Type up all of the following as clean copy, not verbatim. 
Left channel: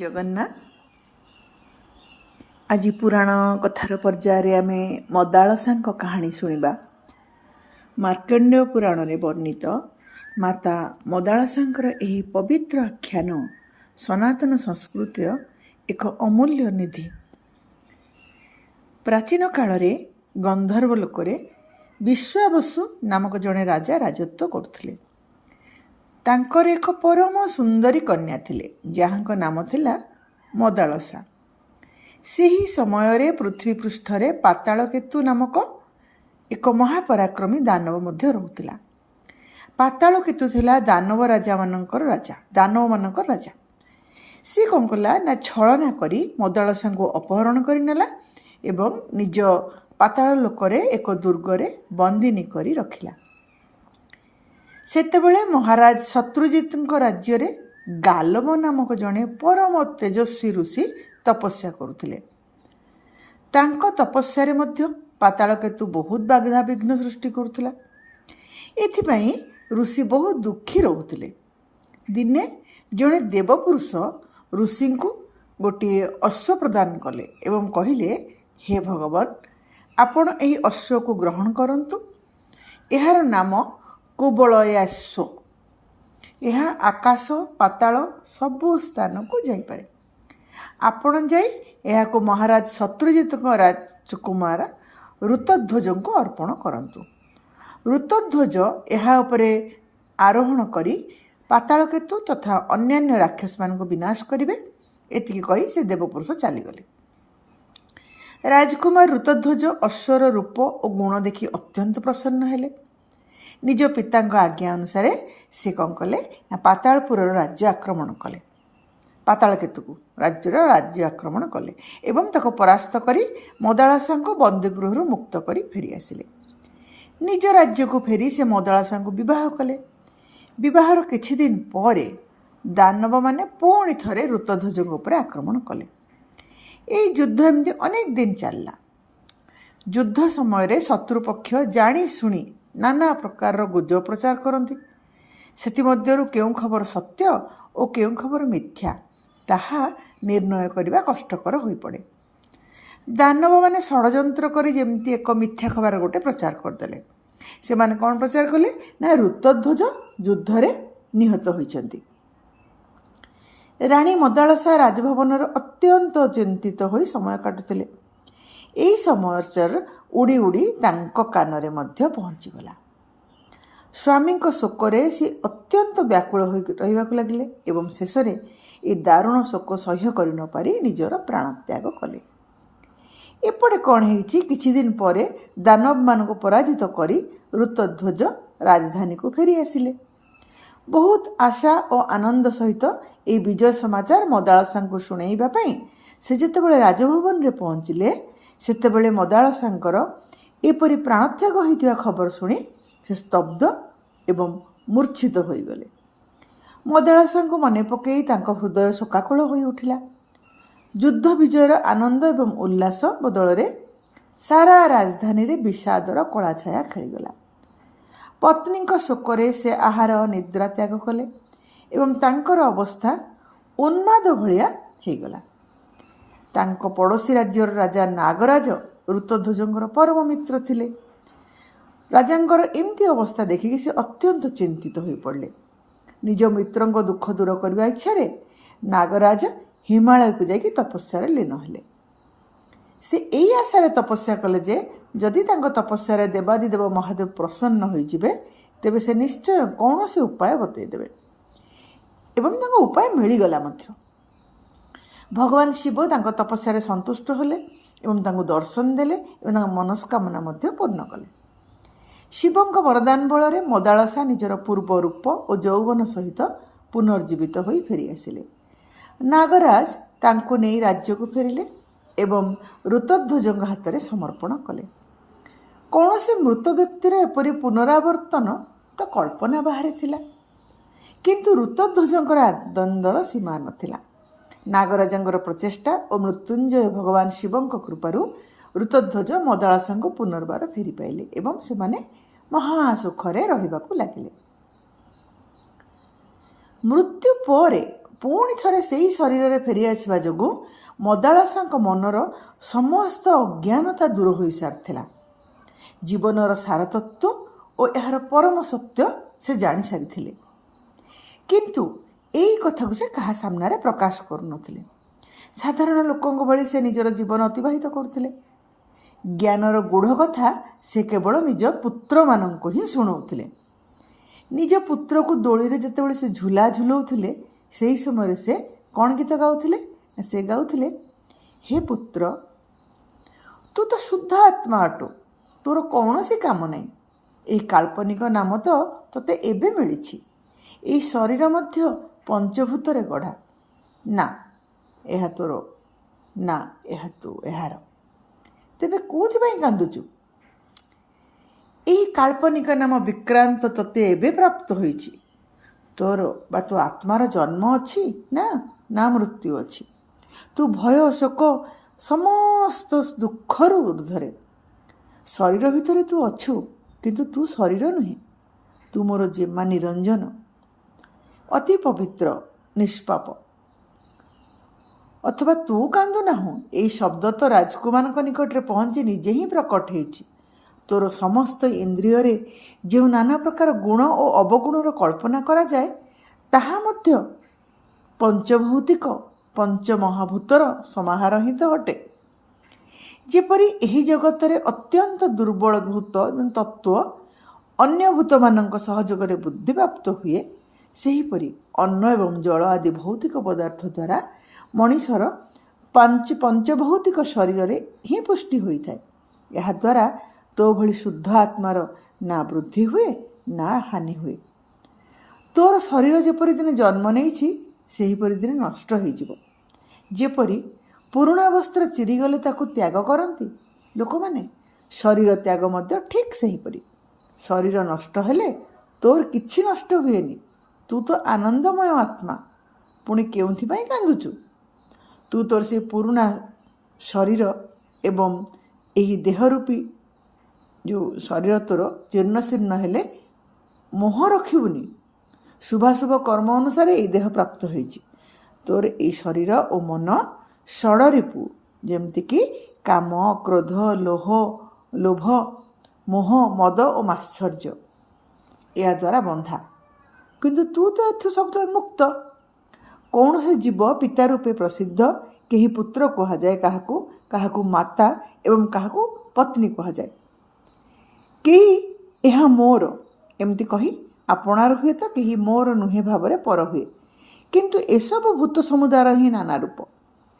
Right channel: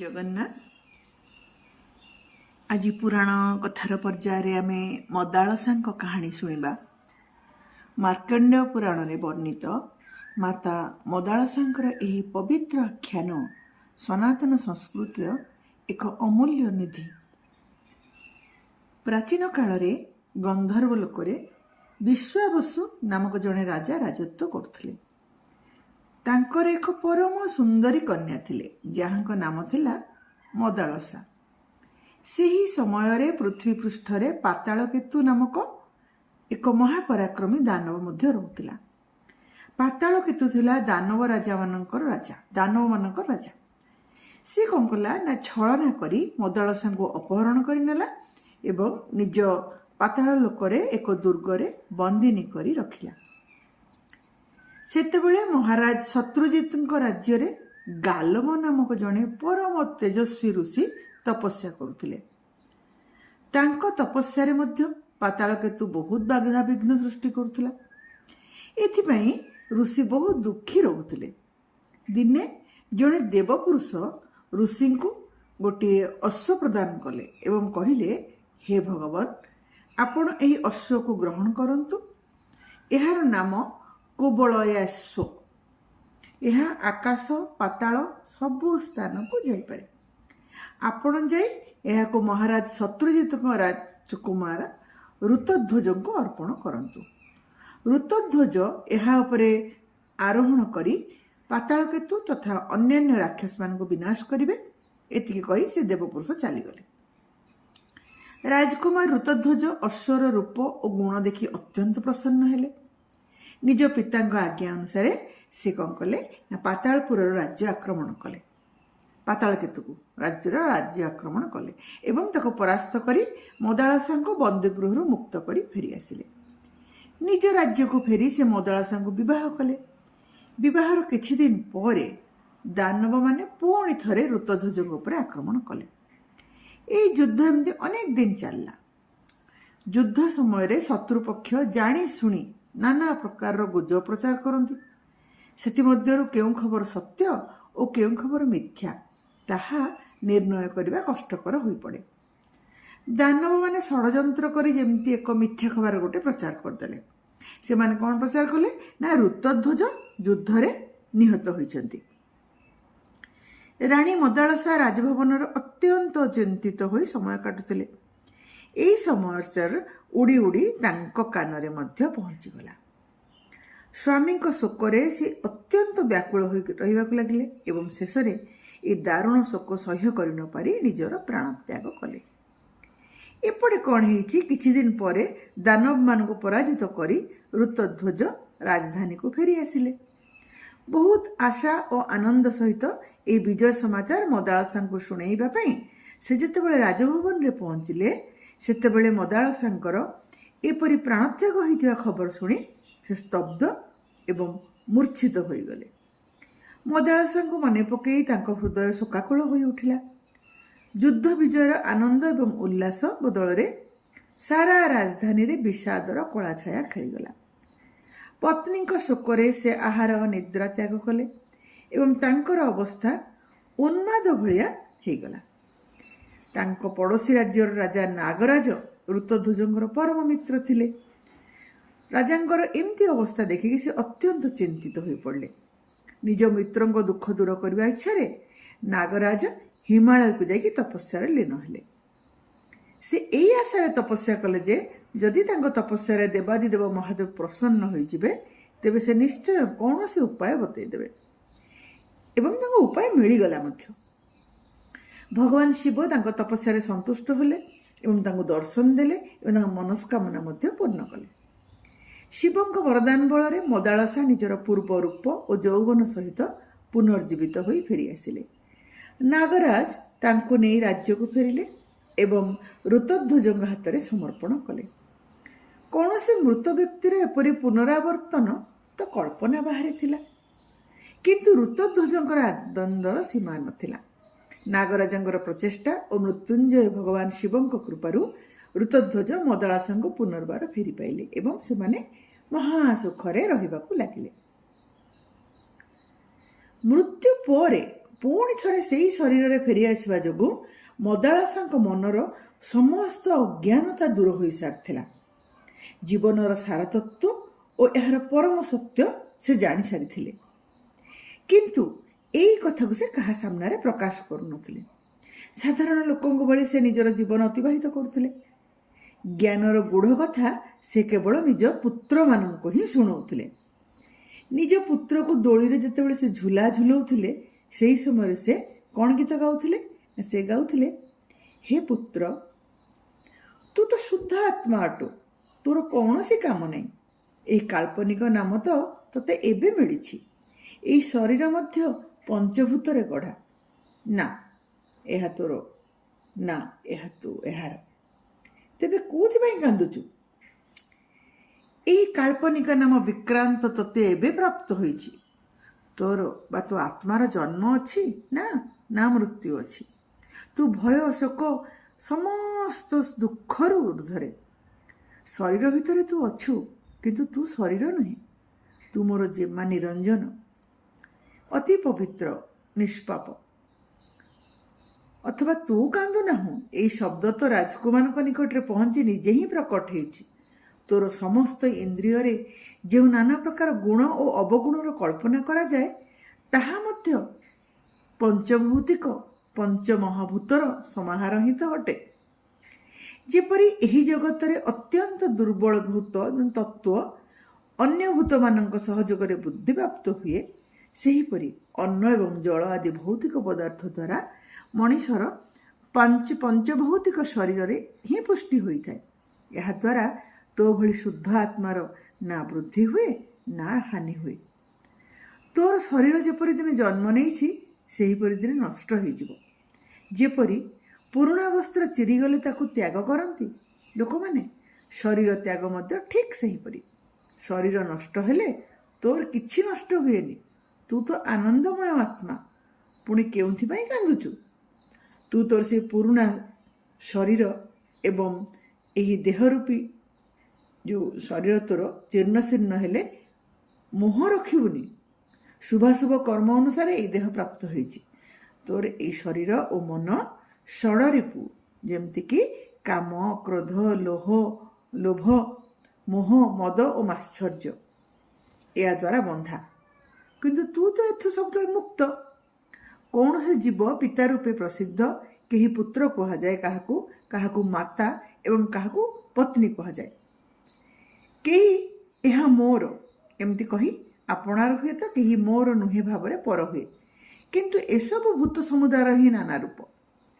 ଜଗନ୍ନାଥ। ଆଜି ପୁରାଣ କଥାର ପର୍ଯ୍ୟାୟରେ ଆମେ ମଦାଳସାଙ୍କ କାହାଣୀ ଶୁଣିବା। ମାର୍କଣ୍ଡେୟ ପୁରାଣରେ ବର୍ଣ୍ଣିତ ମାତା ମଦାଳସାଙ୍କର ଏହି ପବିତ୍ର ଆଖ୍ୟାନ ସନାତନ ସଂସ୍କୃତିର ଏକ ଅମୂଲ୍ୟ ନିଧି। ପ୍ରାଚୀନ କାଳରେ ଗନ୍ଧର୍ବ ଲୋକରେ ବିଶ୍ୱାବସୁ ନାମକ ଜଣେ ରାଜା ରାଜତ୍ୱ କରୁଥିଲେ। ତାଙ୍କର ଏକ ପରମ ସୁନ୍ଦରୀ କନ୍ୟା ଥିଲେ, ଯାହାଙ୍କ ନାମ ଥିଲା ମଦାଳସା। ସେହି ସମୟରେ ପୃଥିବୀ ପୃଷ୍ଠରେ ପାତାଳକେତୁ ନାମକ ଏକ ମହାପରାକ୍ରମୀ ଦାନବ ମଧ୍ୟ ରହୁଥିଲା। ପାତାଳକେତୁ ଥିଲା ଦାନବମାନଙ୍କର ରାଜା। ସେ କ'ଣ କଲା ନା ଛଳନା କରି ମଦାଳସାଙ୍କୁ ଅପହରଣ କରିନେଲା ଏବଂ ନିଜ ପାତାଳ ଲୋକରେ ଏକ ଦୁର୍ଗରେ ବନ୍ଦିନୀ କରି ରଖିଲା। ସେତେବେଳେ ମହାରାଜ ଶତ୍ରୁଜିତଙ୍କ ରାଜ୍ୟରେ ଗାଲବ ନାମକ ଜଣେ ପରମ ତେଜସ୍ୱୀ ଋଷି ତପସ୍ୟା କରୁଥିଲେ। ତାଙ୍କ ତପସ୍ୟାରେ ମଧ୍ୟ ପାତାଳକେତୁ ବହୁତ ବାଧାବିଘ୍ନ ସୃଷ୍ଟି କରୁଥିଲା। ଏଥିପାଇଁ ଋଷି ବହୁତ ଦୁଃଖୀ ରହୁଥିଲେ। ଦିନେ ଜଣେ ଦେବପୁରୁଷ ଋଷିଙ୍କୁ ଗୋଟିଏ ଅଶ୍ୱ ପ୍ରଦାନ କଲେ ଏବଂ କହିଲେ, ହେ ଭଗବାନ, ଆପଣ ଏହି ଅଶ୍ୱକୁ ଗ୍ରହଣ କରନ୍ତୁ। ଏହାର ନାମ କୁବଳୟାଶ୍ୱ। ଏହା ଆକାଶ ପାତାଳ ସବୁ ସ୍ଥାନକୁ ଯାଇପାରେ। ଆପଣ ଯାଇ ଏହାକୁ ମହାରାଜ ଶତ୍ରୁଜିତଙ୍କ ରାଜକୁମାର ଋତଧ୍ୱଜଙ୍କୁ ଅର୍ପଣ କରନ୍ତୁ। ଋତଧ୍ୱଜ ଏହା ଉପରେ ଆରୋହଣ କରି ପାତାଳକେତୁ ତଥା ଅନ୍ୟାନ୍ୟ ରାକ୍ଷସମାନଙ୍କୁ ବିନାଶ କରିବେ। ଏତିକି କହି ସେ ଦେବପୁରୁଷ ଚାଲିଗଲେ। ରାଜକୁମାର ଋତଧ୍ୱଜ ଅଶ୍ୱର ରୂପ ଓ ଗୁଣ ଦେଖି ଅତ୍ୟନ୍ତ ପ୍ରସନ୍ନ ହେଲେ। ନିଜ ପିତାଙ୍କ ଆଜ୍ଞା ଅନୁସାରେ ସେ କ'ଣ କଲେ ନା ପାତାଳପୁରର ରାଜ୍ୟ ଆକ୍ରମଣ କଲେ। ପାତାଳକେତୁକୁ ରାଜ୍ୟ ଆକ୍ରମଣ କଲେ ଏବଂ ତାକୁ ପରାସ୍ତ କରି ମଦାଳସାଙ୍କୁ ବନ୍ଦୀଗୃହରୁ ମୁକ୍ତ କରି ଫେରି ଆସିଲେ। ନିଜ ରାଜ୍ୟକୁ ଫେରି ସେ ମଦାଳସାଙ୍କୁ ବିବାହ କଲେ। ବିବାହର କିଛି ଦିନ ପରେ ଦାନବମାନେ ପୁଣି ଥରେ ଋତଧ୍ୱଜଙ୍କ ଉପରେ ଆକ୍ରମଣ କଲେ। ଏହି ଯୁଦ୍ଧ ଏମିତି ଅନେକ ଦିନ ଚାଲିଲା। ଯୁଦ୍ଧ ସମୟରେ ଶତ୍ରୁପକ୍ଷ ଜାଣି ଶୁଣି ନାନା ପ୍ରକାରର ଗୁଜବ ପ୍ରଚାର କରନ୍ତି। ସେଥିମଧ୍ୟରୁ କେଉଁ ଖବର ସତ୍ୟ ଓ କେଉଁ ଖବର ମିଥ୍ୟା ତାହା ନିର୍ଣ୍ଣୟ କରିବା କଷ୍ଟକର ହୋଇପଡ଼େ। ଦାନବମାନେ ଷଡ଼ଯନ୍ତ୍ର କରି ଯେମିତି ଏକ ମିଥ୍ୟା ଖବର ଗୋଟେ ପ୍ରଚାର କରିଦେଲେ। ସେମାନେ କ'ଣ ପ୍ରଚାର କଲେ ନା ଋତଧ୍ୱଜ ଯୁଦ୍ଧରେ ନିହତ ହୋଇଛନ୍ତି। ରାଣୀ ମଦାଳସା ରାଜଭବନର ଅତ୍ୟନ୍ତ ଚିନ୍ତିତ ହୋଇ ସମୟ କାଟୁଥିଲେ। ଏହି ସମାଚାର ଉଡ଼ି ଉଡ଼ି ତାଙ୍କ କାନରେ ମଧ୍ୟ ପହଞ୍ଚିଗଲା। ସ୍ୱାମୀଙ୍କ ଶୋକରେ ସେ ଅତ୍ୟନ୍ତ ବ୍ୟାକୁଳ ହୋଇ ରହିବାକୁ ଲାଗିଲେ ଏବଂ ଶେଷରେ ଏ ଦାରୁଣ ଶୋକ ସହ୍ୟ କରି ନ ପାରି ନିଜର ପ୍ରାଣତ୍ୟାଗ କଲେ। ଏପଟେ କ'ଣ ହେଇଛି, କିଛି ଦିନ ପରେ ଦାନବମାନଙ୍କୁ ପରାଜିତ କରି ଋତଧ୍ୱଜ ରାଜଧାନୀକୁ ଫେରି ଆସିଲେ। ବହୁତ ଆଶା ଓ ଆନନ୍ଦ ସହିତ ଏହି ବିଜୟ ସମାଚାର ମଦାଳସାଙ୍କୁ ଶୁଣାଇବା ପାଇଁ ସେ ଯେତେବେଳେ ରାଜଭବନରେ ପହଞ୍ଚିଲେ, ସେତେବେଳେ ମଦାଳସାଙ୍କର ଏପରି ପ୍ରାଣତ୍ୟାଗ ହୋଇଥିବା ଖବର ଶୁଣି ସେ ସ୍ତବ୍ଧ ଏବଂ ମୂର୍ଚ୍ଛିତ ହୋଇଗଲେ। ମଦାଳସାଙ୍କୁ ମନେ ପକାଇ ତାଙ୍କ ହୃଦୟ ଶୋକାକୁଳ ହୋଇ ଉଠିଲା। ଯୁଦ୍ଧ ବିଜୟର ଆନନ୍ଦ ଏବଂ ଉଲ୍ଲାସ ବଦଳରେ ସାରା ରାଜଧାନୀରେ ବିଷାଦର କଳାଛାୟା ଖେଳିଗଲା। ପତ୍ନୀଙ୍କ ଶୋକରେ ସେ ଆହାର ନିଦ୍ରା ତ୍ୟାଗ କଲେ ଏବଂ ତାଙ୍କର ଅବସ୍ଥା ଉନ୍ମାଦ ଭଳିଆ ହୋଇଗଲା। ତାଙ୍କ ପଡ଼ୋଶୀ ରାଜ୍ୟର ରାଜା ନାଗରାଜ ଋତଧ୍ୱଜଙ୍କର ପରମ ମିତ୍ର ଥିଲେ। ରାଜାଙ୍କର ଏମିତି ଅବସ୍ଥା ଦେଖିକି ସେ ଅତ୍ୟନ୍ତ ଚିନ୍ତିତ ହୋଇପଡ଼ିଲେ। ନିଜ ମିତ୍ରଙ୍କ ଦୁଃଖ ଦୂର କରିବା ଇଚ୍ଛାରେ ନାଗରାଜ ହିମାଳୟକୁ ଯାଇକି ତପସ୍ୟାରେ ଲୀନ ହେଲେ। ସେ ଏହି ଆଶାରେ ତପସ୍ୟା କଲେ ଯେ ଯଦି ତାଙ୍କ ତପସ୍ୟାରେ ଦେବାଦିଦେବ ମହାଦେବ ପ୍ରସନ୍ନ ହୋଇଯିବେ, ତେବେ ସେ ନିଶ୍ଚୟ କୌଣସି ଉପାୟ ବତେଇଦେବେ ଏବଂ ତାଙ୍କ ଉପାୟ ମିଳିଗଲା ମଧ୍ୟ। ଭଗବାନ ଶିବ ତାଙ୍କ ତପସ୍ୟାରେ ସନ୍ତୁଷ୍ଟ ହେଲେ ଏବଂ ତାଙ୍କୁ ଦର୍ଶନ ଦେଲେ ଏବଂ ତାଙ୍କ ମନସ୍କାମନା ମଧ୍ୟ ପୂର୍ଣ୍ଣ କଲେ। ଶିବଙ୍କ ବରଦାନ ବଳରେ ମଦାଳସା ନିଜର ପୂର୍ବ ରୂପ ଓ ଯୌବନ ସହିତ ପୁନର୍ଜୀବିତ ହୋଇ ଫେରି ଆସିଲେ। ନାଗରାଜ ତାଙ୍କୁ ନେଇ ରାଜ୍ୟକୁ ଫେରିଲେ ଏବଂ ଋତଧ୍ୱଜଙ୍କ ହାତରେ ସମର୍ପଣ କଲେ। କୌଣସି ମୃତ ବ୍ୟକ୍ତିର ଏପରି ପୁନରାବର୍ତ୍ତନ ତ କଳ୍ପନା ବାହାରେ ଥିଲା, କିନ୍ତୁ ଋତଧ୍ୱଜଙ୍କର ଆନନ୍ଦର ସୀମା ନଥିଲା। ନାଗରାଜଙ୍କର ପ୍ରଚେଷ୍ଟା ଓ ମୃତ୍ୟୁଞ୍ଜୟ ଭଗବାନ ଶିବଙ୍କ କୃପାରୁ ଋତଧ୍ୱଜ ମଦାଳସାଙ୍କୁ ପୁନର୍ବାର ଫେରି ପାଇଲେ ଏବଂ ସେମାନେ ମହାସୁଖରେ ରହିବାକୁ ଲାଗିଲେ। ମୃତ୍ୟୁ ପରେ ପୁଣି ଥରେ ସେହି ଶରୀରରେ ଫେରିଆସିବା ଯୋଗୁଁ ମଦାଳସାଙ୍କ ମନର ସମସ୍ତ ଅଜ୍ଞାନତା ଦୂର ହୋଇସାରିଥିଲା। ଜୀବନର ସାରତତ୍ଵ ଓ ଏହାର ପରମ ସତ୍ୟ ସେ ଜାଣିସାରିଥିଲେ। କିନ୍ତୁ ଏଇ କଥାକୁ ସେ କାହା ସାମ୍ନାରେ ପ୍ରକାଶ କରୁନଥିଲେ। ସାଧାରଣ ଲୋକଙ୍କ ଭଳି ସେ ନିଜର ଜୀବନ ଅତିବାହିତ କରୁଥିଲେ। ଜ୍ଞାନର ଗୂଢ଼ କଥା ସେ କେବଳ ନିଜ ପୁତ୍ରମାନଙ୍କୁ ହିଁ ଶୁଣାଉଥିଲେ। ନିଜ ପୁତ୍ରକୁ ଦୋଳିରେ ଯେତେବେଳେ ସେ ଝୁଲା ଝୁଲାଉଥିଲେ, ସେହି ସମୟରେ ସେ କ'ଣ ଗୀତ ଗାଉଥିଲେ? ସେ ଗାଉଥିଲେ, ହେ ପୁତ୍ର, ତୁ ତ ଶୁଦ୍ଧ ଆତ୍ମା ଅଟୁ, ତୋର କୌଣସି କାମ ନାହିଁ। ଏହି କାଳ୍ପନିକ ନାମ ତ ତୋତେ ଏବେ ମିଳିଛି। ଏହି ଶରୀର ମଧ୍ୟ ପଞ୍ଚଭୂତରେ ଗଢ଼ା। ନା ଏହା ତୋର, ନା ଏହା ତୁ ଏହାର। ତେବେ କେଉଁଥିପାଇଁ କାନ୍ଦୁଛୁ? ଏହି କାଳ୍ପନିକ ନାମ ବିକ୍ରାନ୍ତ ତୋତେ ଏବେ ପ୍ରାପ୍ତ ହୋଇଛି। ତୋର ବା ତୋ ଆତ୍ମାର ଜନ୍ମ ଅଛି ନା ମୃତ୍ୟୁ ଅଛି। ତୁ ଭୟ ଶୋକ ସମସ୍ତ ଦୁଃଖରୁ ଉର୍ଦ୍ଧ୍ୱରେ। ଶରୀର ଭିତରେ ତୁ ଅଛୁ, କିନ୍ତୁ ତୁ ଶରୀର ନୁହେଁ। ତୁ ମୋର ଜେମା ନିରଞ୍ଜନ, ଅତି ପବିତ୍ର, ନିଷ୍ପାପ। ଅଥବା ତୁ କାନ୍ଦୁ ନାହୁଁ, ଏହି ଶବ୍ଦ ତ ରାଜକୁମାରଙ୍କ ନିକଟରେ ପହଞ୍ଚି ନିଜେ ହିଁ ପ୍ରକଟ ହେଉଛି। ତୋର ସମସ୍ତ ଇନ୍ଦ୍ରିୟରେ ଯେଉଁ ନାନା ପ୍ରକାର ଗୁଣ ଓ ଅବଗୁଣର କଳ୍ପନା କରାଯାଏ, ତାହା ମଧ୍ୟ ପଞ୍ଚଭୌତିକ ପଞ୍ଚମହାଭୂତର ସମାହାର ହିଁ ତ ଅଟେ। ଯେପରି ଏହି ଜଗତରେ ଅତ୍ୟନ୍ତ ଦୁର୍ବଳ ଭୂତ ତତ୍ତ୍ୱ ଅନ୍ୟ ଭୂତମାନଙ୍କ ସହଯୋଗରେ ବୁଦ୍ଧିପ୍ରାପ୍ତ ହୁଏ, ସେହିପରି ଅନ୍ନ ଏବଂ ଜଳ ଆଦି ଭୌତିକ ପଦାର୍ଥ ଦ୍ୱାରା ମଣିଷର ପଞ୍ଚଭୌତିକ ଶରୀରରେ ହିଁ ପୁଷ୍ଟି ହୋଇଥାଏ। ଏହାଦ୍ୱାରା ତୋ ଭଳି ଶୁଦ୍ଧ ଆତ୍ମାର ନା ବୃଦ୍ଧି ହୁଏ ନା ହାନି ହୁଏ। ତୋର ଶରୀର ଯେପରି ଦିନେ ଜନ୍ମ ନେଇଛି, ସେହିପରି ଦିନେ ନଷ୍ଟ ହୋଇଯିବ। ଯେପରି ପୁରୁଣା ବସ୍ତ୍ର ଚିରିଗଲେ ତାକୁ ତ୍ୟାଗ କରନ୍ତି ଲୋକମାନେ, ଶରୀର ତ୍ୟାଗ ମଧ୍ୟ ଠିକ୍ ସେହିପରି। ଶରୀର ନଷ୍ଟ ହେଲେ ତୋର କିଛି ନଷ୍ଟ ହୁଏନି। ତୁ ତ ଆନନ୍ଦମୟ ଆତ୍ମା, ପୁଣି କେଉଁଥିପାଇଁ କାନ୍ଦୁଛୁ? ତୁ ତୋର ସେ ପୁରୁଣା ଶରୀର ଏବଂ ଏହି ଦେହରୂପୀ ଯେଉଁ ଶରୀର ତୋର ଜୀର୍ଣ୍ଣଶୀର୍ଣ୍ଣ ହେଲେ ମୋହ ରଖିବୁନି। ଶୁଭାଶୁଭ କର୍ମ ଅନୁସାରେ ଏହି ଦେହ ପ୍ରାପ୍ତ ହୋଇଛି। ତୋର ଏହି ଶରୀର ଓ ମନ ଷଡ଼ରିପୁ, ଯେମିତିକି କାମ, କ୍ରୋଧ, ଲୋଭ, ମୋହ, ମଦ ଓ ମାତ୍ସର୍ଯ୍ୟ, ଏହା ଦ୍ୱାରା ବନ୍ଧା। କିନ୍ତୁ ତୁ ତ ଏଥୁ ସବୁବେଳେ ମୁକ୍ତ। କୌଣସି ଜୀବ ପିତା ରୂପେ ପ୍ରସିଦ୍ଧ। କେହି ପୁତ୍ର କୁହାଯାଏ କାହାକୁ, କାହାକୁ ମାତା ଏବଂ କାହାକୁ ପତ୍ନୀ କୁହାଯାଏ। କେହି ଏହା ମୋର ଏମିତି କହି ଆପଣାର ହୁଏ ତ କେହି ମୋର ନୁହେଁ ଭାବରେ ପର ହୁଏ। କିନ୍ତୁ ଏସବୁ ଭୂତ ସମୁଦାୟର ହିଁ ନାନା ରୂପ,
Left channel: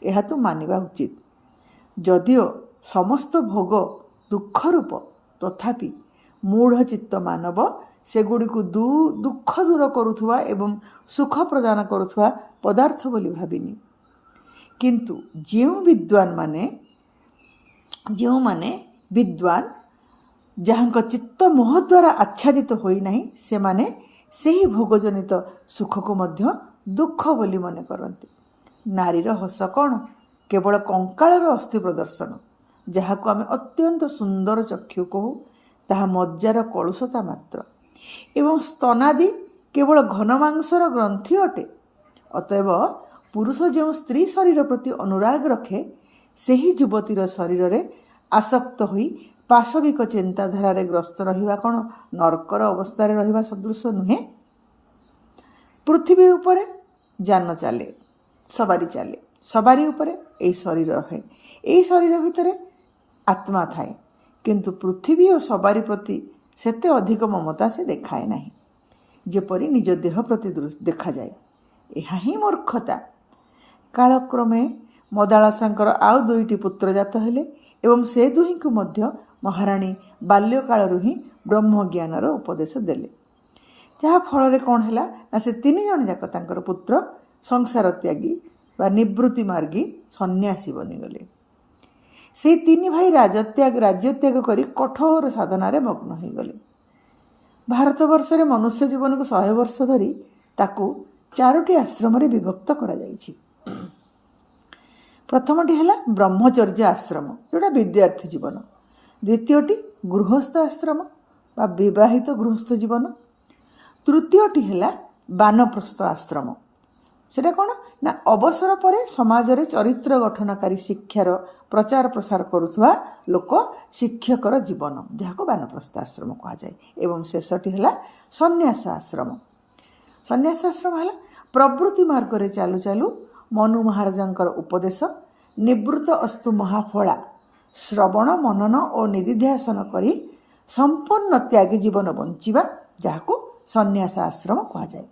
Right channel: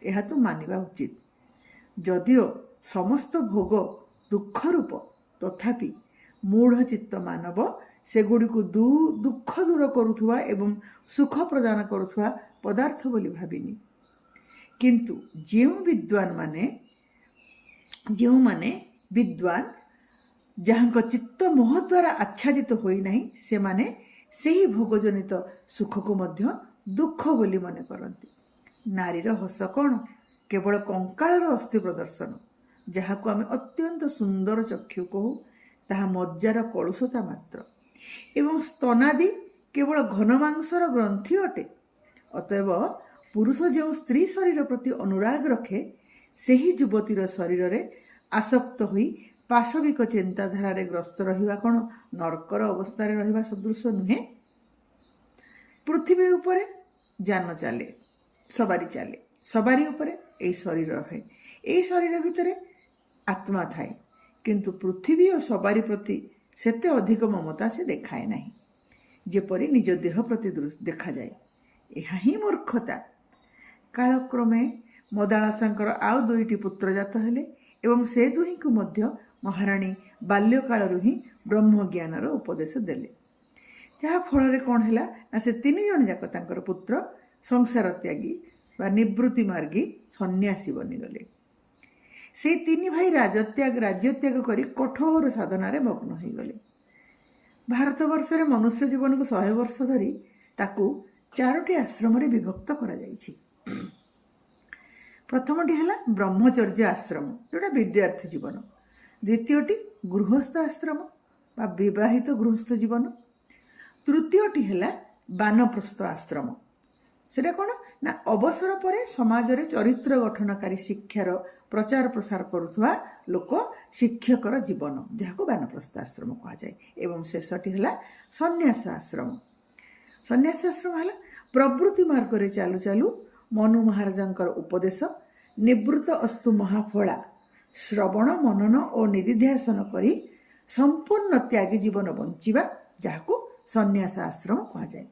ଏହା ତୁ ମାନିବା ଉଚିତ। ଯଦିଓ ସମସ୍ତ ଭୋଗ ଦୁଃଖ ରୂପ, ତଥାପି ମୂଢ଼ ଚିତ୍ତ ମାନବ ସେଗୁଡ଼ିକୁ ଦୁଃଖ ଦୂର କରୁଥିବା ଏବଂ ସୁଖ ପ୍ରଦାନ କରୁଥିବା ପଦାର୍ଥ ବୋଲି ଭାବିନି। କିନ୍ତୁ ଯେଉଁମାନେ ବିଦ୍ୱାନ, ଯାହାଙ୍କ ଚିତ୍ତ ମୋହ ଦ୍ୱାରା ଆଚ୍ଛାଦିତ ହୋଇନାହିଁ, ସେମାନେ ସେହି ଭୋଗଜନିତ ସୁଖକୁ ମଧ୍ୟ ଦୁଃଖ ବୋଲି ମନେ କରନ୍ତି। ନାରୀର ହସ କ'ଣ? କେବଳ କଙ୍କାଳର ଅସ୍ଥି ପ୍ରଦର୍ଶନ। ଯାହାକୁ ଆମେ ଅତ୍ୟନ୍ତ ସୁନ୍ଦର ଚକ୍ଷୁ କହୁ, ତାହା ମଜ୍ଜାର କଳୁଷତା ମାତ୍ର। ଏବଂ ସ୍ତନାଦି କେବଳ ଘନ ମାଂସର ଗ୍ରନ୍ଥି ଅଟେ। ଅତଏବ ପୁରୁଷ ଯେଉଁ ସ୍ତ୍ରୀ ଶରୀର ପ୍ରତି ଅନୁରାଗ ରଖେ, ସେହି ଯୁବତୀର ଶରୀରରେ ଆସକ୍ତ ହୋଇ ପାଶବିକ ଚିନ୍ତାଧାରାରେ ଗ୍ରସ୍ତ ରହିବା କ'ଣ ନର୍କର ଅବସ୍ଥାରେ ରହିବା ସଦୃଶ ନୁହେଁ? ପୃଥିବୀ ଉପରେ ଯାନ ଚାଲେ, ସବାରି ଚାଲେ। ସବାରି ଉପରେ ଏହି ଶରୀର ରହେ। ଏହି ଶରୀର ଭିତରେ ଆତ୍ମା ଥାଏ। କିନ୍ତୁ ପୃଥିବୀ ଓ ସବାରି ପ୍ରତି ସେତେ ଅଧିକ ମମତା ସେ ଦେଖାଏ ନାହିଁ, ଯେପରି ନିଜ ଦେହ ପ୍ରତି ଦେଖାଯାଏ। ଏହା ହିଁ ମୂର୍ଖତା। କାଳକ୍ରମେ ମଦାଳସାଙ୍କର ଆଉ 2ଟି ପୁତ୍ର ଜାତ ହେଲେ ଏବଂ ସେ ଦୁହିଁଙ୍କୁ ମଧ୍ୟ ମହାରାଣୀ ବାଲ୍ୟକାଳରୁ ହିଁ ବ୍ରହ୍ମଜ୍ଞାନର ଉପଦେଶ ଦେଲେ। ଯାହା ଫଳରେ କ'ଣ ହେଲା ନା, ସେ 3 ଜଣ ଯାକ ତାଙ୍କର ପୁତ୍ର ସଂସାର ତ୍ୟାଗୀ ବା ନିବୃତ୍ତି ମାର୍ଗୀ ସନ୍ନ୍ୟାସୀ ବନିଗଲେ। ସେଇ 3 ଭାଇ ରାଜ୍ୟତ୍ୟାଗ କରି କଠୋର ସାଧନାରେ ମଗ୍ନ ହୋଇଗଲେ। ଭାରତବର୍ଷରେ ମନୁଷ୍ୟ ଜୀବନକୁ 100 ବର୍ଷ ଧରି ତାକୁ 4ଟି ଆଶ୍ରମରେ ବିଭକ୍ତ କରାଯାଇଛି। ପ୍ରଥମଟି ହେଲା ବ୍ରହ୍ମଚର୍ଯ୍ୟ ଆଶ୍ରମ, ଯେଉଁଟା ବିଦ୍ୟାର୍ଥୀ ଜୀବନ। ଦ୍ୱିତୀୟଟି ଗୃହସ୍ଥ ଆଶ୍ରମ ବା ବିବାହିତ ଗୃହସ୍ଥ ଜୀବନ। ତୃତୀୟଟି ହେଲା ବାନପ୍ରସ୍ଥ ଆଶ୍ରମ। ସେଟା କ'ଣ ନା ଅବସର ପରେ ସମାଜରେ ଚରିତ୍ର ଗଠନକାରୀ ଶିକ୍ଷାର ପ୍ରଚାର ପ୍ରସାର କରୁଥିବା ଲୋକ ଶିକ୍ଷକର ଜୀବନ, ଯାହାକୁ ବାନପ୍ରସ୍ଥ ଆଶ୍ରମ କୁହାଯାଏ। ଏବଂ ଶେଷଟି ହେଲା ସନ୍ନ୍ୟାସ ଆଶ୍ରମ। ସନ୍ନ୍ୟାସ ଆଶ୍ରମ ହେଲା ପ୍ରବୃତ୍ତି ମାର୍ଗରେ ଚାଲୁ ଚାଲୁ ମନୁ ମହାରାଜାଙ୍କର ଉପଦେଶ ନିବୃତ୍ତ ଅସ୍ତୁ ମହାଫଳା ଶ୍ରବଣ ମନନ ଓ ନିଧିଧ୍ୟାସନ କରି ସମ୍ପୂର୍ଣ୍ଣ ତ୍ୟାଗୀ ଜୀବନ ବଞ୍ଚିବା, ଯାହାକୁ ସନ୍ନ୍ୟାସ ଆଶ୍ରମ କୁହାଯାଏ।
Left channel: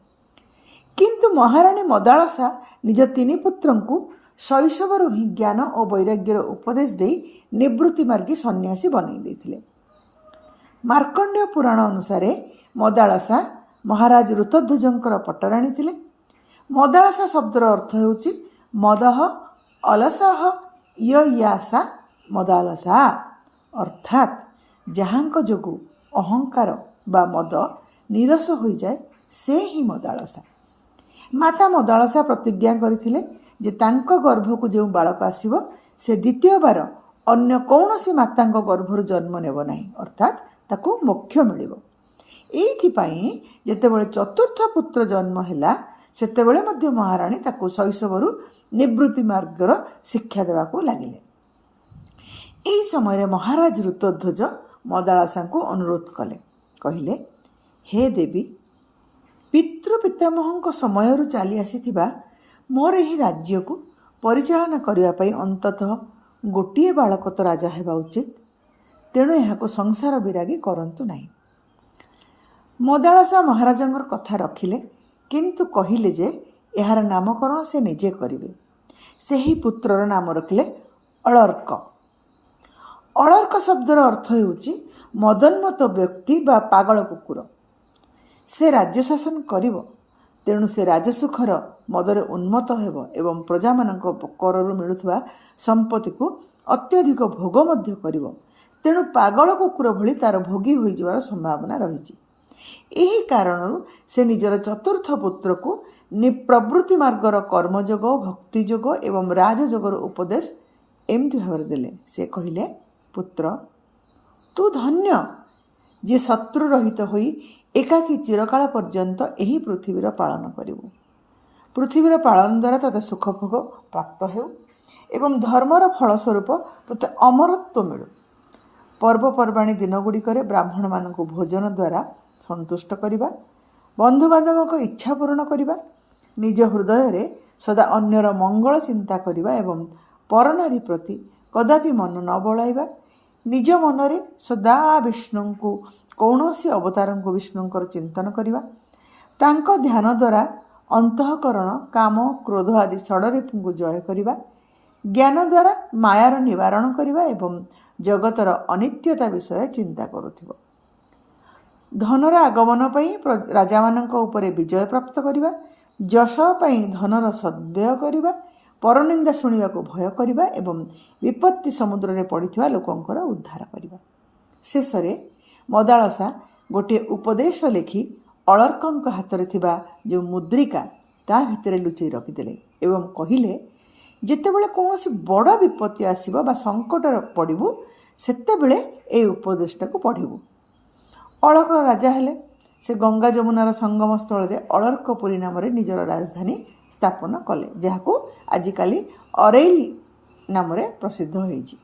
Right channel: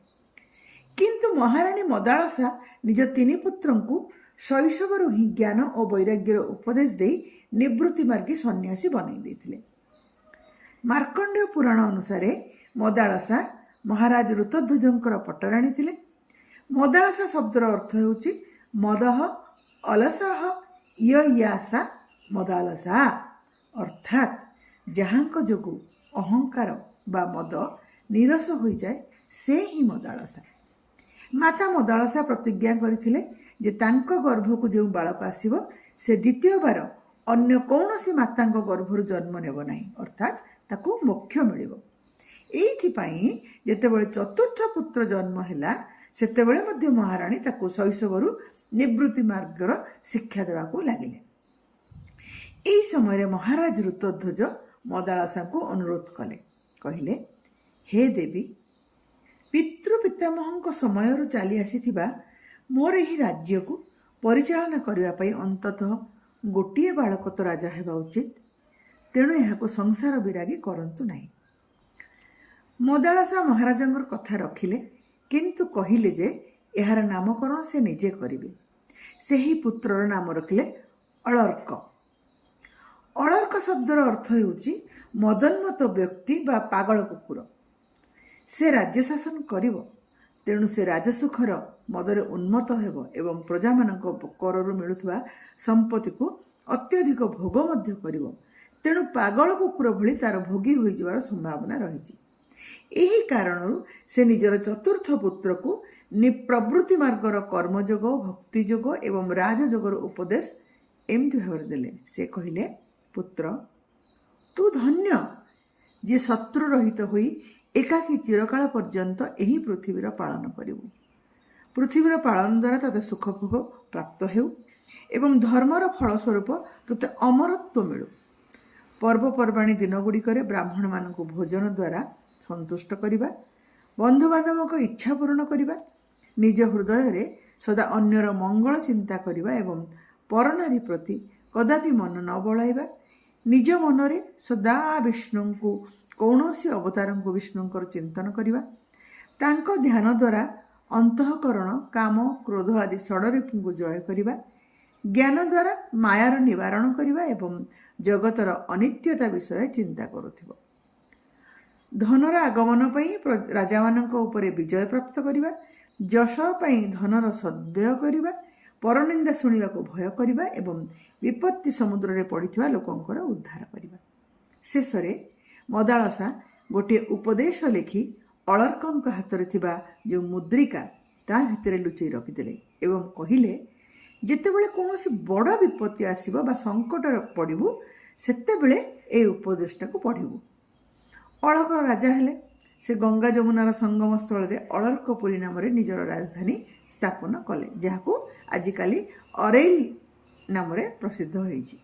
କିନ୍ତୁ ମହାରାଣୀ ମଦାଳସା ନିଜ ତିନି ପୁତ୍ରଙ୍କୁ ଶୈଶବରୁ ହିଁ ଜ୍ଞାନ ଓ ବୈରାଗ୍ୟର ଉପଦେଶ ଦେଇ ନିବୃତ୍ତି ମାର୍ଗୀ ସନ୍ନ୍ୟାସୀ ବନେଇ ଦେଇଥିଲେ। ମାର୍କଣ୍ଡେୟ ପୁରାଣ ଅନୁସାରେ ମଦାଳସା ମହାରାଜ ଋତଧ୍ୱଜଙ୍କର ପଟରାଣୀ ଥିଲେ। ମଦାଳସା ଶବ୍ଦର ଅର୍ଥ ହେଉଛି ମଦହ ଅଲସହ ୟୟାସା ମଦାଲସା, ଅର୍ଥାତ୍ ଯାହାଙ୍କ ଯୋଗୁଁ ଅହଙ୍କାର ବା ମଦ ନିରସ ହୋଇଯାଏ ସେ ହିଁ ମଦାଳସା। ମାତା ମଦାଳସା ପ୍ରତିଜ୍ଞା କରିଥିଲେ ଯେ ତାଙ୍କ ଗର୍ଭକୁ ଯେଉଁ ବାଳକ ଆସିବ ସେ ଦ୍ୱିତୀୟବାର ଅନ୍ୟ କୌଣସି ମାତାଙ୍କ ଗର୍ଭରୁ ଜନ୍ମ ନେବ ନାହିଁ, ଅର୍ଥାତ୍ ତାକୁ ମୋକ୍ଷ ମିଳିବ। ଏଇଥିପାଇଁ ଯେତେବେଳେ ଚତୁର୍ଥ ପୁତ୍ର ଜନ୍ମ ହେଲା ସେତେବେଳେ ମଧ୍ୟ ମହାରାଣୀ ତାକୁ ଶୈଶବରୁ ନିବୃତ୍ତି ମାର୍ଗର ଶିକ୍ଷା ଦେବାକୁ ଲାଗିଲେ। ଏହି ସମୟରେ ମହାରାଜ ଋତଧ୍ୱଜ ମଦାଳସାଙ୍କୁ ଅନୁରୋଧ କଲେ, କହିଲେ, ହେ ଦେବୀ, ପିତୃପିତାମହଙ୍କ ସମୟରୁ ଚାଲି ଆସିଥିବା ମୋର ଏହି ରାଜ୍ୟକୁ ପରିଚାଳନା କରିବା ପାଇଁ ଅନ୍ତତଃ ଗୋଟିଏ ବାଳକ ତ ରାଜା ହେବା ଉଚିତ, ତେଣୁ ଏହାକୁ ସଂସାର ବିରାଗୀ କରନ୍ତୁ ନାହିଁ। ମଦାଳସା ମହାରାଜାଙ୍କର କଥା ରଖିଲେ, କିନ୍ତୁ କହିଲେ ଯେ ଏହାର ନାମକରଣ ସେ ନିଜେ କରିବେ। ସେହି ପୁତ୍ରର ନାମ ରଖିଲେ ଅଳର୍କ। ଅଳର୍କ ଶବ୍ଦର ଅର୍ଥ ହେଉଛି ମଦନ୍ମତ ବ୍ୟକ୍ତି ବା ପାଗଳ କୁକୁର। ସେ ରାଜ୍ୟ ଶାସନ କରିବ, ତେଣୁ ସେ ରାଜସୁଖର ମଦରେ ଉନ୍ମତ୍ତ ହେବ ଏବଂ ପ୍ରଜାମାନଙ୍କ କରରୁ ମିଳୁଥିବା ସମ୍ପତ୍ତିକୁ ଅତ୍ୟଧିକ ଭୋଗ ମଧ୍ୟ କରିବ। ତେଣୁ ପାଗଳ କୁକୁର ଭଳି ତାର ଭୋଗୀ ହୋଇଯିବାର ସମ୍ଭାବନା ରହିଛି। ଏହି କାରଣରୁ ସେ ନିଜର ଚତୁର୍ଥ ପୁତ୍ରକୁ ପ୍ରବୃତ୍ତି ମାର୍ଗର କର୍ମଯୋଗ, ଭକ୍ତିଯୋଗ ଏବଂ ରାଜଯୋଗର ଉପଦେଶ ଏମିତି ଭାବରେ ଦେଲେ। ସେ କହିଲେ, ପୁତ୍ର, ତୁ ଧନ୍ୟ ଯେ ଶତ୍ରୁ ରହିତ ହୋଇ ଏକାକୀ ଚିରକାଳ ପର୍ଯ୍ୟନ୍ତ ଏହି ପୃଥିବୀର ପାଳନ କରିବୁ। ପୃଥିବୀର ପାଳନ ଦ୍ୱାରା ତୋତେ ସୁଖଭୋଗ ପ୍ରାପ୍ତ ହେଉ ଏବଂ ଧର୍ମର ଫଳସ୍ୱରୂପ ତୋତେ ଅମରତ୍ୱ ମିଳୁ। ପର୍ବପର୍ବାଣୀ ଦିନଗୁଡ଼ିକରେ ବ୍ରାହ୍ମଣମାନଙ୍କୁ ଭୋଜନ ଦ୍ୱାରା ସନ୍ତୁଷ୍ଟ କରିବା, ବନ୍ଧୁବାନ୍ଧବଙ୍କ ଇଚ୍ଛା ପୂରଣ କରିବା, ନିଜ ହୃଦୟରେ ସଦା ଅନ୍ୟର ମଙ୍ଗଳ ଚିନ୍ତା କରିବା ଏବଂ ପରନାରୀ ପ୍ରତି କଦାପି ମନ ନ ବଳାଇବା, ନିଜ ମନରେ ସଦା ବିଷ୍ଣୁଙ୍କୁ କୌଣସି ଅବତାରଙ୍କୁ ବିଷ୍ଣୁଙ୍କର ଚିନ୍ତନ କରିବା, ତାଙ୍କ ଧ୍ୟାନ ଦ୍ୱାରା ଅନ୍ତଃକରଣ, କାମ, କ୍ରୋଧ ଆଦି ଷଡ଼ରିପୁଙ୍କୁ ଜୟ କରିବା, ଜ୍ଞାନ ଦ୍ୱାରା ମାୟାର ନିବାରଣ କରିବା ଏବଂ ଜଗତର ଅନିତ୍ୟତା ବିଷୟରେ ଚିନ୍ତା କରୁଥିବ। ଧନର ଆଗମନ ପାଇଁ ରାଜାମାନଙ୍କ ଉପରେ ବିଜୟ ପ୍ରାପ୍ତ କରିବା, ଯଶ ପାଇଁ ଧନର ସଦ୍ବ୍ୟୟ କରିବା, ପରନିନ୍ଦା ଶୁଣିବାକୁ ଭୟ କରିବା ଏବଂ ବିପତ୍ତି ସମୁଦ୍ରରେ ପଡ଼ିଥିବା ଲୋକଙ୍କର ଉଦ୍ଧାର କରିବା। ଶେଷରେ ମଦାଳସା ଗୋଟିଏ ଉପଦେଶ ଲେଖି ଅଳର୍କଙ୍କ ହାତରେ ଥିବା ଯେଉଁ ମୁଦ୍ରିକା ତା ଭିତରେ ଲୁଚେଇ ରଖିଦେଲେ ଏବଂ କହିଲେ, ଯେତେବେଳେ କୌଣସି ବଡ଼ ବିପତ୍ତି ଆସିବ ବା ସଙ୍କଟରେ ପଡ଼ିବୁ ସେତେବେଳେ ଏହି ଉପଦେଶଟାକୁ ପଢ଼ିବୁ। ଅଳକ ରାଜା ହେଲେ। ସେ ଗଙ୍ଗା ଯମୁନାର ସଙ୍ଗମ ସ୍ଥଳରେ ଅଳର୍କପୁରୀ ନାମରେ ନିଜର ରାଜଧାନୀ ସ୍ଥାପନ କଲେ, ଯାହାକୁ ଆଜିକାଲି ଅରେଇଲ୍ ନାମରେ ପ୍ରସିଦ୍ଧ ହୋଇଛି।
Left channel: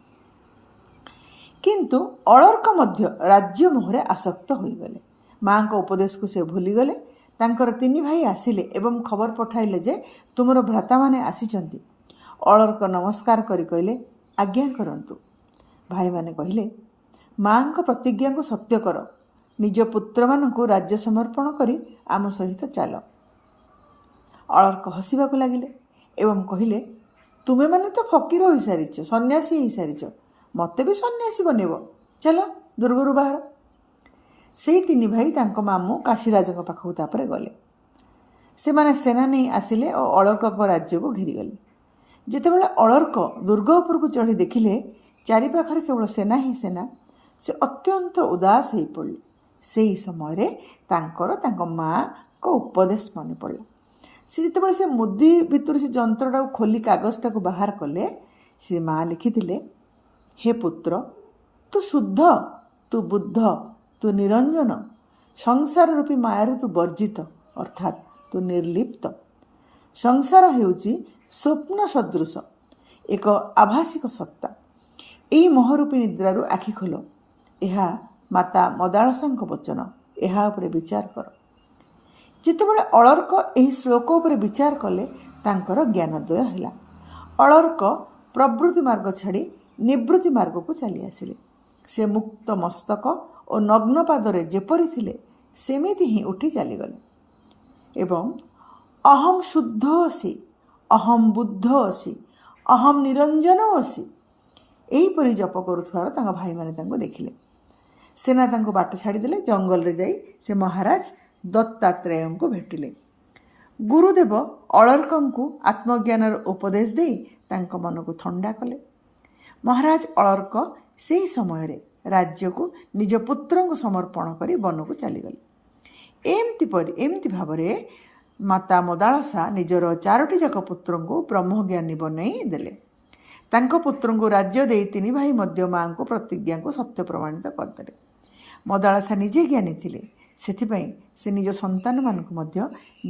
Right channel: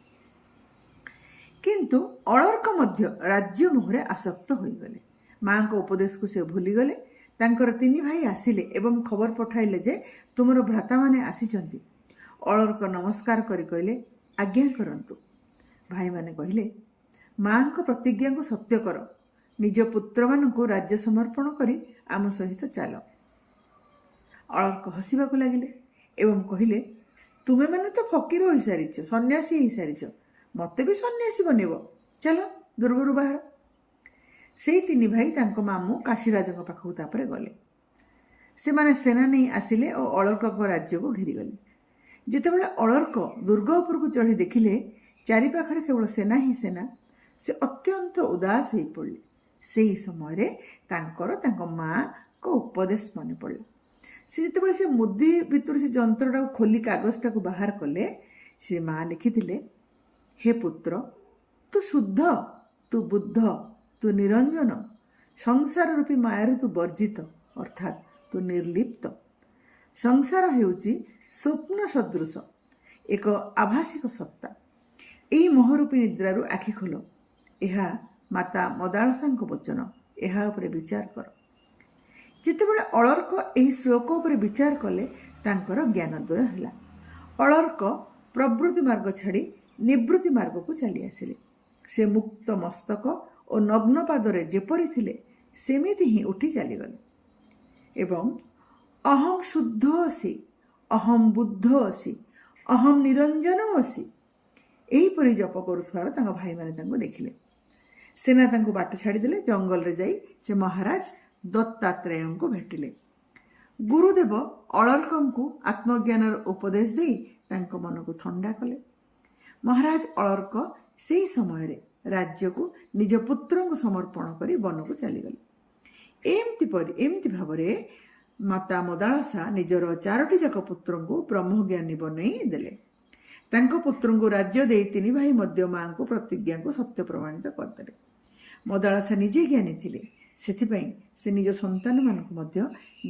କିନ୍ତୁ ଅଳର୍କ ମଧ୍ୟ ରାଜ୍ୟ ମୋହରେ ଆସକ୍ତ ହୋଇଗଲେ। ମାଙ୍କ ଉପଦେଶକୁ ସେ ଭୁଲିଗଲେ। ତାଙ୍କର ତିନି ଭାଇ ଆସିଲେ ଏବଂ ଖବର ପଠାଇଲେ ଯେ ତୁମର ଭ୍ରାତାମାନେ ଆସିଛନ୍ତି। ଅଳର୍କ ନମସ୍କାର କରି କହିଲେ, ଆଜ୍ଞା କରନ୍ତୁ। ଭାଇମାନେ କହିଲେ, ମାଙ୍କ ପ୍ରତିଜ୍ଞାକୁ ସତ୍ୟ କର, ନିଜ ପୁତ୍ରମାନଙ୍କୁ ରାଜ୍ୟ ସମର୍ପଣ କରି ଆମ ସହିତ ଚାଲ। ଅଳର୍କ ହସିବାକୁ ଲାଗିଲେ ଏବଂ କହିଲେ, ତୁମେମାନେ ତ ଫକୀର ହୋଇସାରିଛ, ସନ୍ନ୍ୟାସୀ ହୋଇସାରିଛ, ମୋତେ ବି ସନ୍ନ୍ୟାସୀ ବନେଇବ, ଚାଲ ଦୁର୍ଗରୁ ବାହାର। ସେଇ ତିନି ଭାଇ ତାଙ୍କ ମାମୁଁ କାଶୀରାଜଙ୍କ ପାଖକୁ ତାପରେ ଗଲେ। ସେମାନେ ସେନା ନେଇ ଆସିଲେ ଓ ଅଳର୍କଙ୍କ ରାଜ୍ୟକୁ ଘେରିଗଲେ। ଯେତେବେଳେ ଅଳର୍କ ଦୁର୍ଗ ଉପରକୁ ଚଢ଼ି ଦେଖିଲେ ଚାରିପାଖରେ କେବଳ ସେନା ହିଁ ସେନା, ସେ ଅତ୍ୟନ୍ତ ଉଦାସ ହୋଇପଡ଼ିଲେ। ସେହି ସମୟରେ ତାଙ୍କର ତାଙ୍କ ମାଆଙ୍କ ଉପଦେଶ ମନେ ପଡ଼ିଲା। ସେ ଯେତେବେଳେ ସେ ମୁଦି ଭିତରୁ ସେ ଯନ୍ତ୍ରଟାକୁ ଖୋଲି କାଗଜଟାକୁ ବାହାର କଲେ, ସେ ମା ଲେଖିଥିଲେ, ହେ ପୁତ୍ର, ତୁ ଶୁଦ୍ଧ, ତୁ ବୁଦ୍ଧ, ତୁ ନିରଞ୍ଜନ, ସଂସାର ରୂପୀ ମାୟାରୁ ତୁ ବର୍ଜିତ, ଅର୍ଥାତ୍ ତୁ ନିର୍ଲିପ୍ତ। ସଂସାର ହେଉଛି ସ୍ୱପ୍ନ ସଦୃଶ ଏକ ଆଭାସିକ ସତ୍ତା। ଏହି ମୋହରୂପୀ ନିଦ୍ରାରୁ ଆଖି ଖୋଲ। ଏହା ମାତା ମଦାଳସାଙ୍କ ବଚନ। ଏହା ଉପରେ ବିଚାର କର। ଯେତେବେଳେ ଅଳର୍କ ଏହି ଶ୍ଲୋକ ଉପରେ ବିଚାର କଲେ ତାଙ୍କର ଜ୍ଞାନୋଦୟ ହେଲା। ଅଳର୍କ ପ୍ରବୃତ୍ତି ମାର୍ଗ ଛାଡ଼ି ନିବୃତ୍ତି ମାର୍ଗକୁ ଚାଲି ଆସିଲେ। ସେ ମୁକ୍ତ ମସ୍ତକ ଓ ନଗ୍ନ ପାଦରେ ଯେପରି ଥିଲେ ସେମିତି ହିଁ ଉଠି ଚାଲିଗଲେ ଏବଂ ଅହମ୍ ଶୁଦ୍ଧ ଅସି, ଅହମ୍ ବୁଦ୍ଧ ଅସି, ଅହମ୍ ନିରଞ୍ଜନ ଅସି ଏହିପରି ଜପ କରୁଥିବାର ତାଙ୍କ ଭାଇମାନେ ତାଙ୍କୁ ଦେଖିଲେ। ସେନା ତାଙ୍କୁ ବାଟ ଛାଡ଼ିଦେଲେ। ଜଙ୍ଗଲରେ ଯାଇ ସେ ମହାରାଜ ଦତ୍ତାତ୍ରେୟଙ୍କୁ ଭେଟିଲେ। ଗୁରୁଦେବ ଅଳର୍କଙ୍କୁ ଆତ୍ମଜ୍ଞାନର ଉପଦେଶ ଦେଇ ତାଙ୍କ ମନକୁ ଥଣ୍ଡା କଲେ। ମହାରାଜ ଅଳର୍କ ସେହି ସମୟରେ ରାଜ୍ୟକୁ ନିଜ ପୁତ୍ରଙ୍କୁ ସମର୍ପଣ କରି ବନକୁ ଚାଲିଗଲେ। ଏମିତି ଭାବରେ ମାତା ମଦାଳସା ନିଜର 4ଟି ଯାକ ପୁତ୍ରଙ୍କୁ ବ୍ରହ୍ମଜ୍ଞାନୀ ବନେଇ ଦେଲେ। ତାଙ୍କ ପୁତ୍ରଙ୍କୁ ରାଜ୍ୟ ଦେଇ 3 ଭାଇ ମଧ୍ୟ ମାଆଙ୍କ ପ୍ରତିଜ୍ଞାକୁ ସତ୍ୟ ପ୍ରମାଣିତ କରିଦେଲେ। ମଦାଳସା ନିଜେ ଜ୍ଞାନୀ ଥିଲେ, ସେଥିପାଇଁ ସେ ନିଜ ସନ୍ତାନମାନଙ୍କୁ ମଧ୍ୟ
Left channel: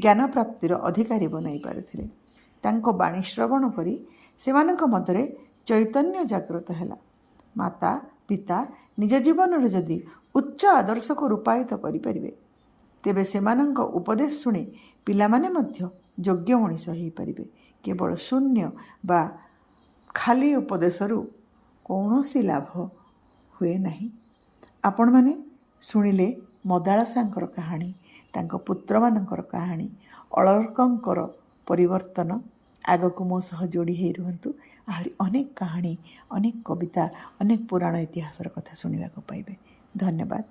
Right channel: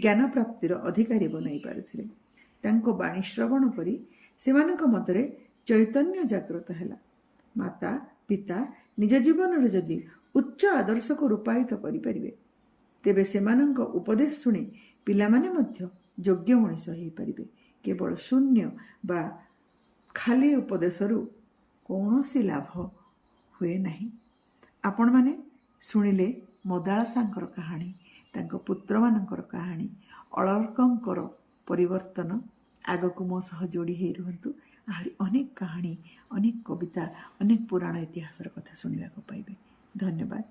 ଜ୍ଞାନ ପ୍ରାପ୍ତିର ଅଧିକାରୀ ବନାଇ ପାରିଥିଲେ। ତାଙ୍କ ବାଣୀ ଶ୍ରବଣ କରି ସେମାନଙ୍କ ମଧ୍ୟରେ ଚୈତନ୍ୟ ଜାଗ୍ରତ ହେଲା। ମାତା ପିତା ନିଜ ଜୀବନରେ ଯଦି ଉଚ୍ଚ ଆଦର୍ଶକୁ ରୂପାୟିତ କରିପାରିବେ, ତେବେ ସେମାନଙ୍କ ଉପଦେଶ ଶୁଣି ପିଲାମାନେ ମଧ୍ୟ ଯୋଗ୍ୟ ମଣିଷ ହୋଇପାରିବେ। କେବଳ ଶୂନ୍ୟ ବା ଖାଲି ଉପଦେଶରୁ କୌଣସି ଲାଭ ହୁଏ ନାହିଁ। ଆପଣମାନେ ଶୁଣିଲେ ମଦାଳସାଙ୍କର କାହାଣୀ, ତାଙ୍କ ପୁତ୍ରମାନଙ୍କର କାହାଣୀ, ଅଳର୍କଙ୍କର ପରିବର୍ତ୍ତନ। ଆଗକୁ ମୋ ସହ ଯୋଡ଼ି ହେଇ ରୁହନ୍ତୁ। ଆହୁରି ଅନେକ କାହାଣୀ, ଅନେକ କବିତା, ଅନେକ ପୁରାଣ ଇତିହାସର କଥା ଶୁଣିବାକୁ ପାଇବେ। ଧନ୍ୟବାଦ।